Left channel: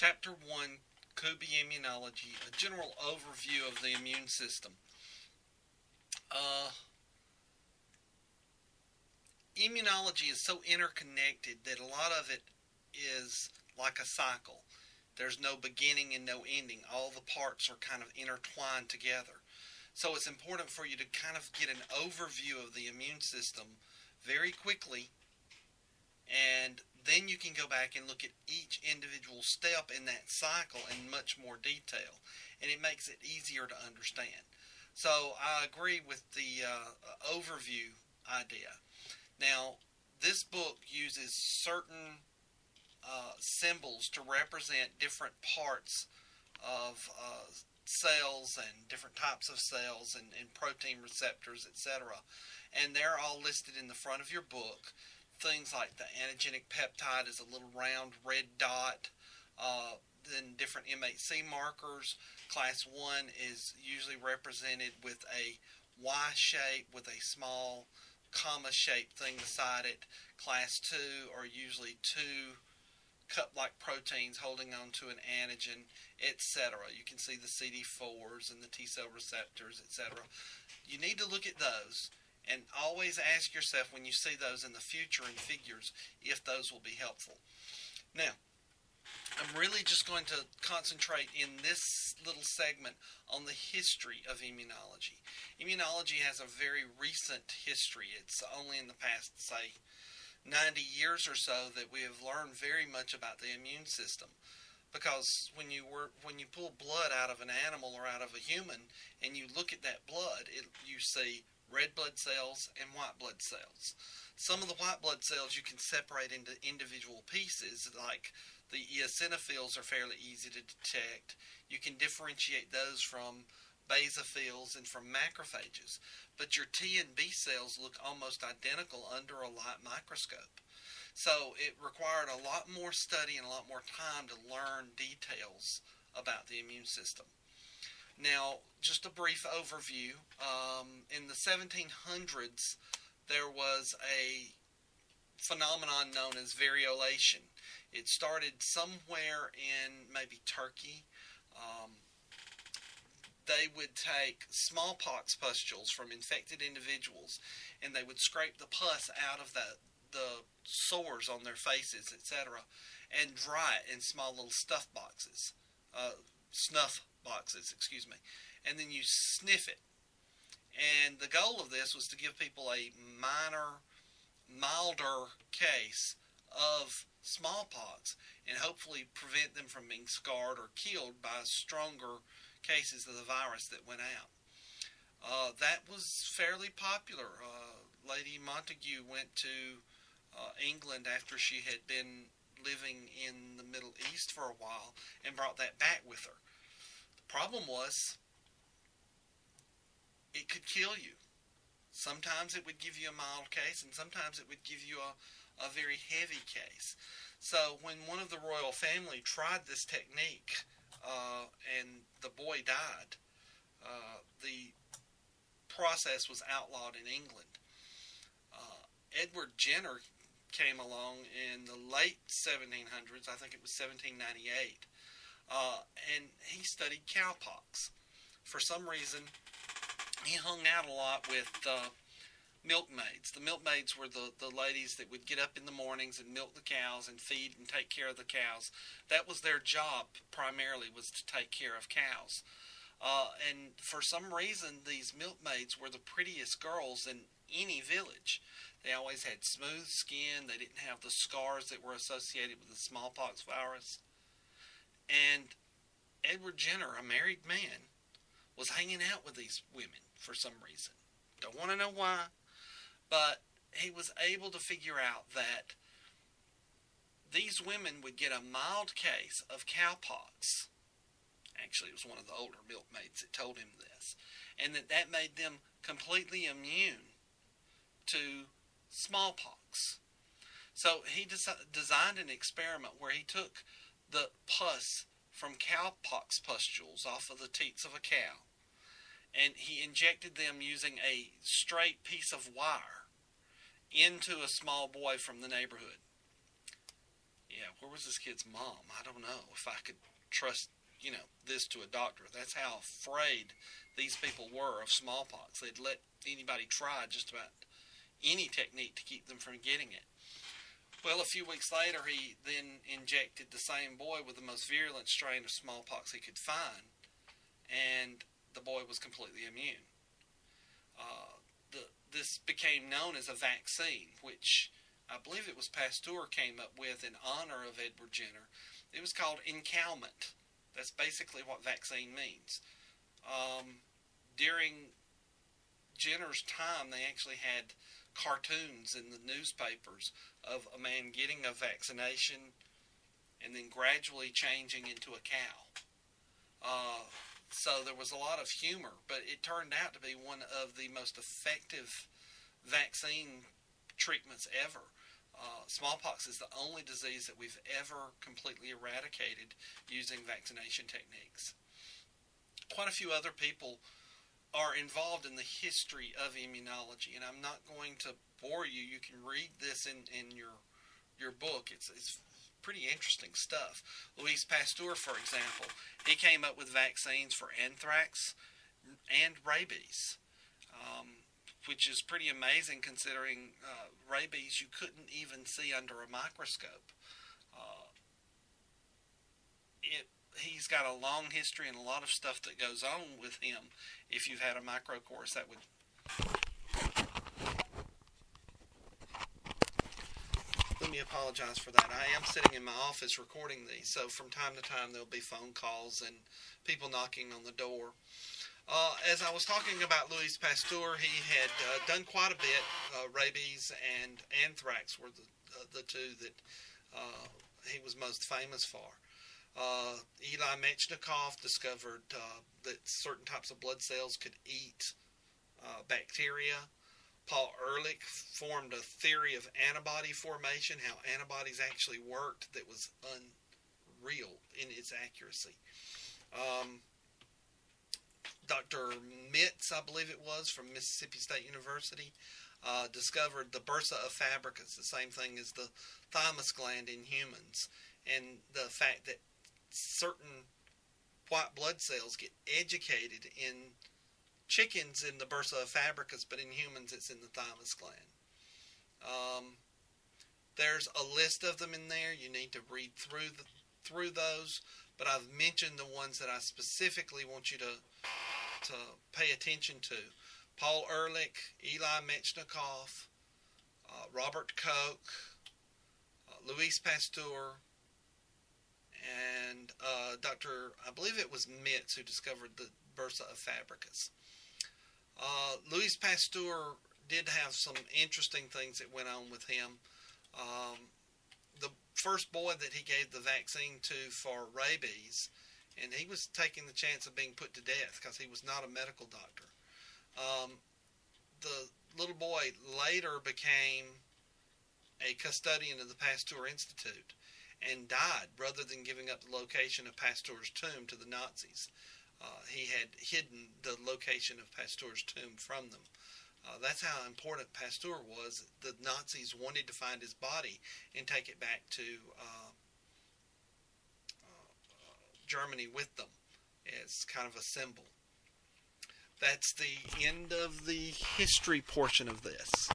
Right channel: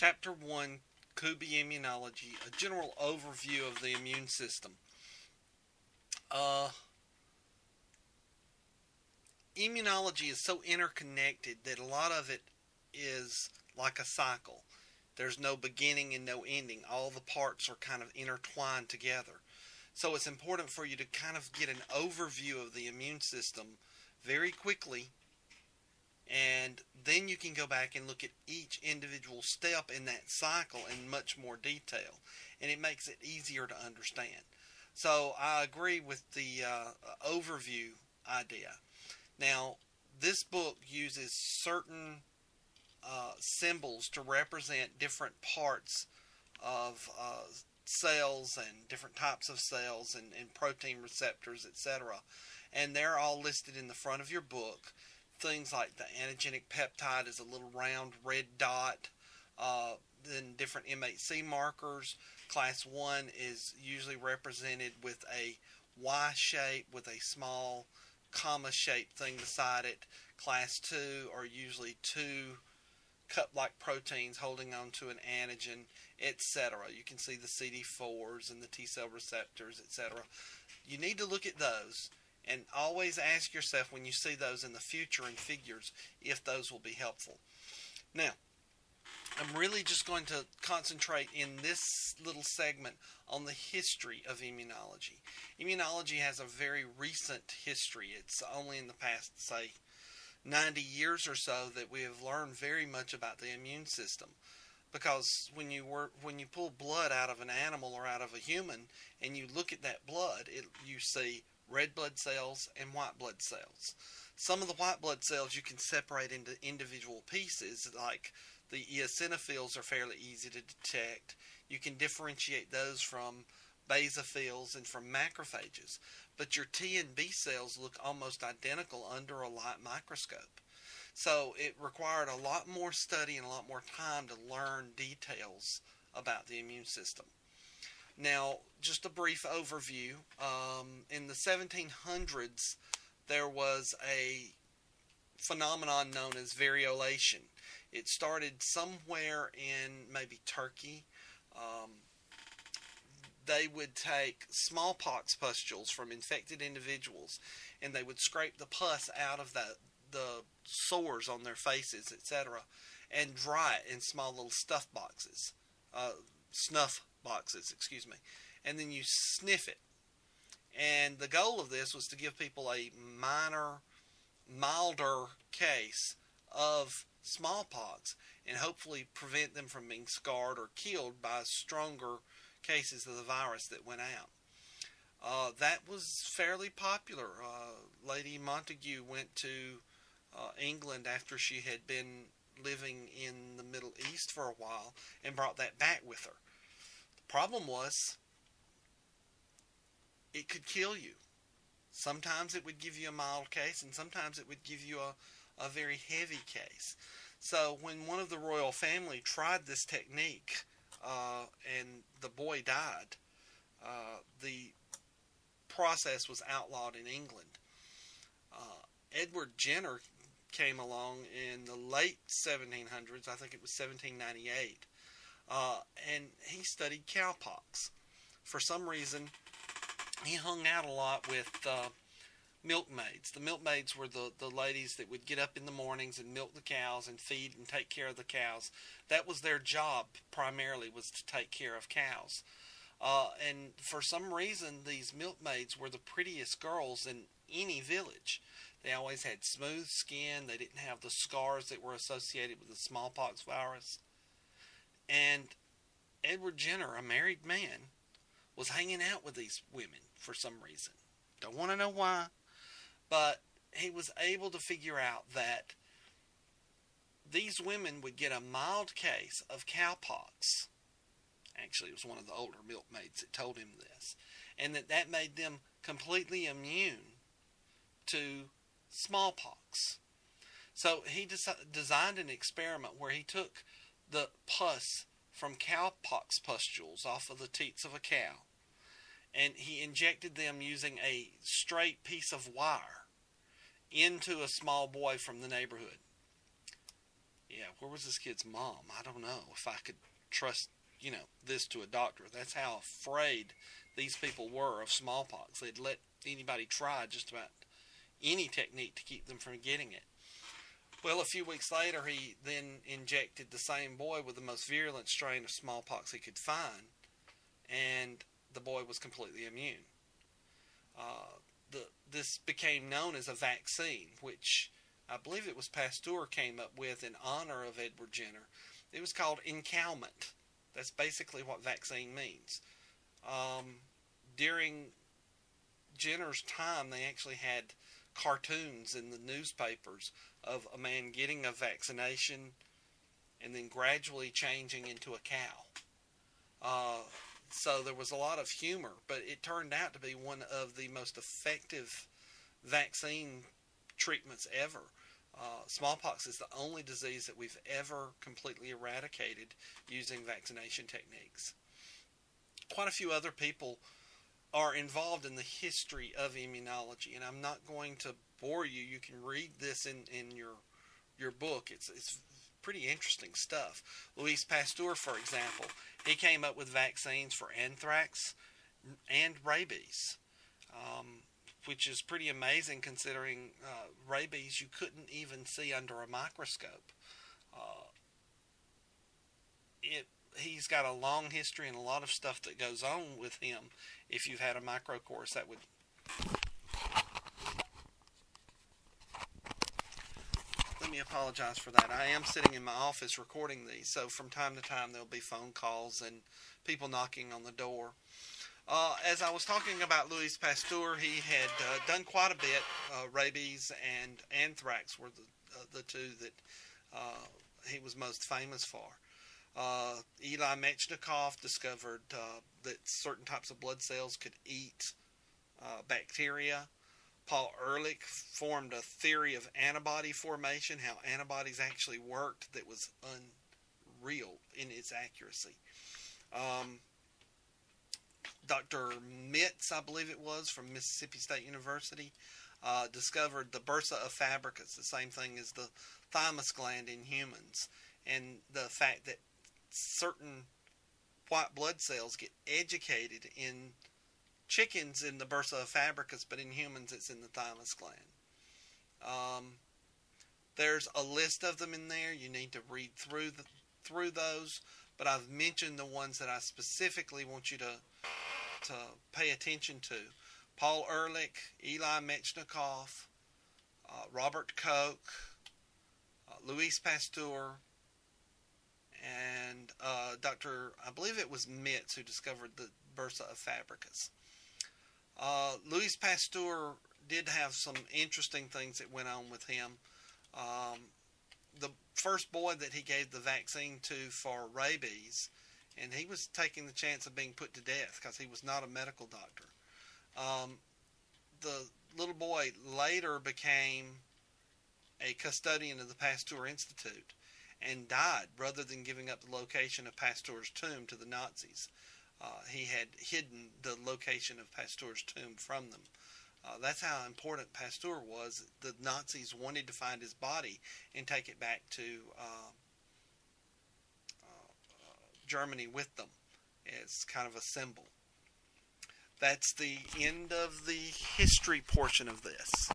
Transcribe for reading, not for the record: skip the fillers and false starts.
Chapter 1 could be Immunology, a general overview of the immune system. Uh, Immunology is so interconnected that a lot of it is like a cycle. There's no beginning and no ending. All the parts are kind of intertwined together. So it's important for you to kind of get an overview of the immune system very quickly, and then you can go back and look at each individual step in that cycle in much more detail, and it makes it easier to understand. So I agree with the overview idea. Now, this book uses certain symbols to represent different parts of cells and different types of cells and protein receptors, etc. And they're all listed in the front of your book. Things like the antigenic peptide is a little round red dot. Then different MHC markers. Class 1 is usually represented with a Y shape with a small comma-shaped thing beside it. Class 2 are usually two cup-like proteins holding on to an antigen, etc. You can see the CD4s and the T-cell receptors, etc. You need to look at those and always ask yourself when you see those in the future in figures if those will be helpful. Now, I'm really just going to concentrate in this little segment on the history of immunology. Immunology has a very recent history. It's only in the past, say, 90 years or so that we have learned very much about the immune system. Because when you pull blood out of an animal or out of a human and you look at that blood, you see red blood cells and white blood cells. Some of the white blood cells you can separate into individual pieces, like the eosinophils are fairly easy to detect. You can differentiate those from basophils and from macrophages. But your T and B cells look almost identical under a light microscope. So it required a lot more study and a lot more time to learn details about the immune system. Now, just a brief overview. In the 1700s, there was a phenomenon known as variolation. It started somewhere in maybe Turkey. They would take smallpox pustules from infected individuals, and they would scrape the pus out of the sores on their faces, etc., and dry it in small little snuff boxes, and then you sniff it. And the goal of this was to give people a milder case of smallpox and hopefully prevent them from being scarred or killed by stronger cases of the virus that went out. That was fairly popular. Lady Montagu went to England after she had been living in the Middle East for a while and brought that back with her. The problem was it could kill you. Sometimes it would give you a mild case, and sometimes it would give you a very heavy case. So when one of the royal family tried this technique and the boy died, the process was outlawed in England. Edward Jenner came along in the late 1700s, I think it was 1798, and he studied cowpox. For some reason, he hung out a lot with milkmaids. The milkmaids were the ladies that would get up in the mornings and milk the cows and feed and take care of the cows. That was their job primarily, was to take care of cows. And for some reason, these milkmaids were the prettiest girls in any village. They always had smooth skin. They didn't have the scars that were associated with the smallpox virus. And Edward Jenner, a married man, was hanging out with these women for some reason. Don't want to know why, but he was able to figure out that these women would get a mild case of cowpox. Actually, it was one of the older milkmaids that told him this, and that made them completely immune to smallpox. So he designed an experiment where he took the pus from cowpox pustules off of the teats of a cow, and he injected them using a straight piece of wire into a small boy from the neighborhood. Yeah, where was this kid's mom? I don't know if I could trust, this to a doctor. That's how afraid these people were of smallpox. They'd let anybody try just about any technique to keep them from getting it. Well, a few weeks later, he then injected the same boy with the most virulent strain of smallpox he could find, and the boy was completely immune. This became known as a vaccine, which I believe it was Pasteur came up with in honor of Edward Jenner. It was called encowment. That's basically what vaccine means. During Jenner's time, they actually had cartoons in the newspapers of a man getting a vaccination and then gradually changing into a cow. So there was a lot of humor, but it turned out to be one of the most effective vaccine treatments ever. Smallpox is the only disease that we've ever completely eradicated using vaccination techniques. Quite a few other people are involved in the history of immunology, and I'm not going to bore you. You can read this in your book. It's pretty interesting stuff. Louis Pasteur, for example, he came up with vaccines for anthrax and rabies, which is pretty amazing considering rabies you couldn't even see under a microscope. He's got a long history and a lot of stuff that goes on with him. If you've had a micro course, that would... Let me apologize for that. I am sitting in my office recording these, so from time to time there'll be phone calls and people knocking on the door. As I was talking about Louis Pasteur, he had done quite a bit. Rabies and anthrax were the two that he was most famous for. Eli Metchnikoff discovered that certain types of blood cells could eat bacteria. Paul Ehrlich formed a theory of antibody formation, how antibodies actually worked, that was unreal in its accuracy. Dr. Mitz, I believe it was, from Mississippi State University, discovered the bursa of fabricus, the same thing as the thymus gland in humans, and the fact that certain white blood cells get educated in chickens in the bursa of fabricus, but in humans it's in the thymus gland. There's a list of them in there. You need to read through those, but I've mentioned the ones that I specifically want you to pay attention to. Paul Ehrlich, Eli Metchnikoff, Robert Koch, Louis Pasteur, and I believe it was Mitz who discovered the bursa of fabricus. Louis Pasteur did have some interesting things that went on with him. The first boy that he gave the vaccine to for rabies, and he was taking the chance of being put to death because he was not a medical doctor. The little boy later became a custodian of the Pasteur Institute and died rather than giving up the location of Pasteur's tomb to the Nazis. He had hidden the location of Pasteur's tomb from them. That's how important Pasteur was. The Nazis wanted to find his body and take it back to Germany with them as kind of a symbol. That's the end of the history portion of this.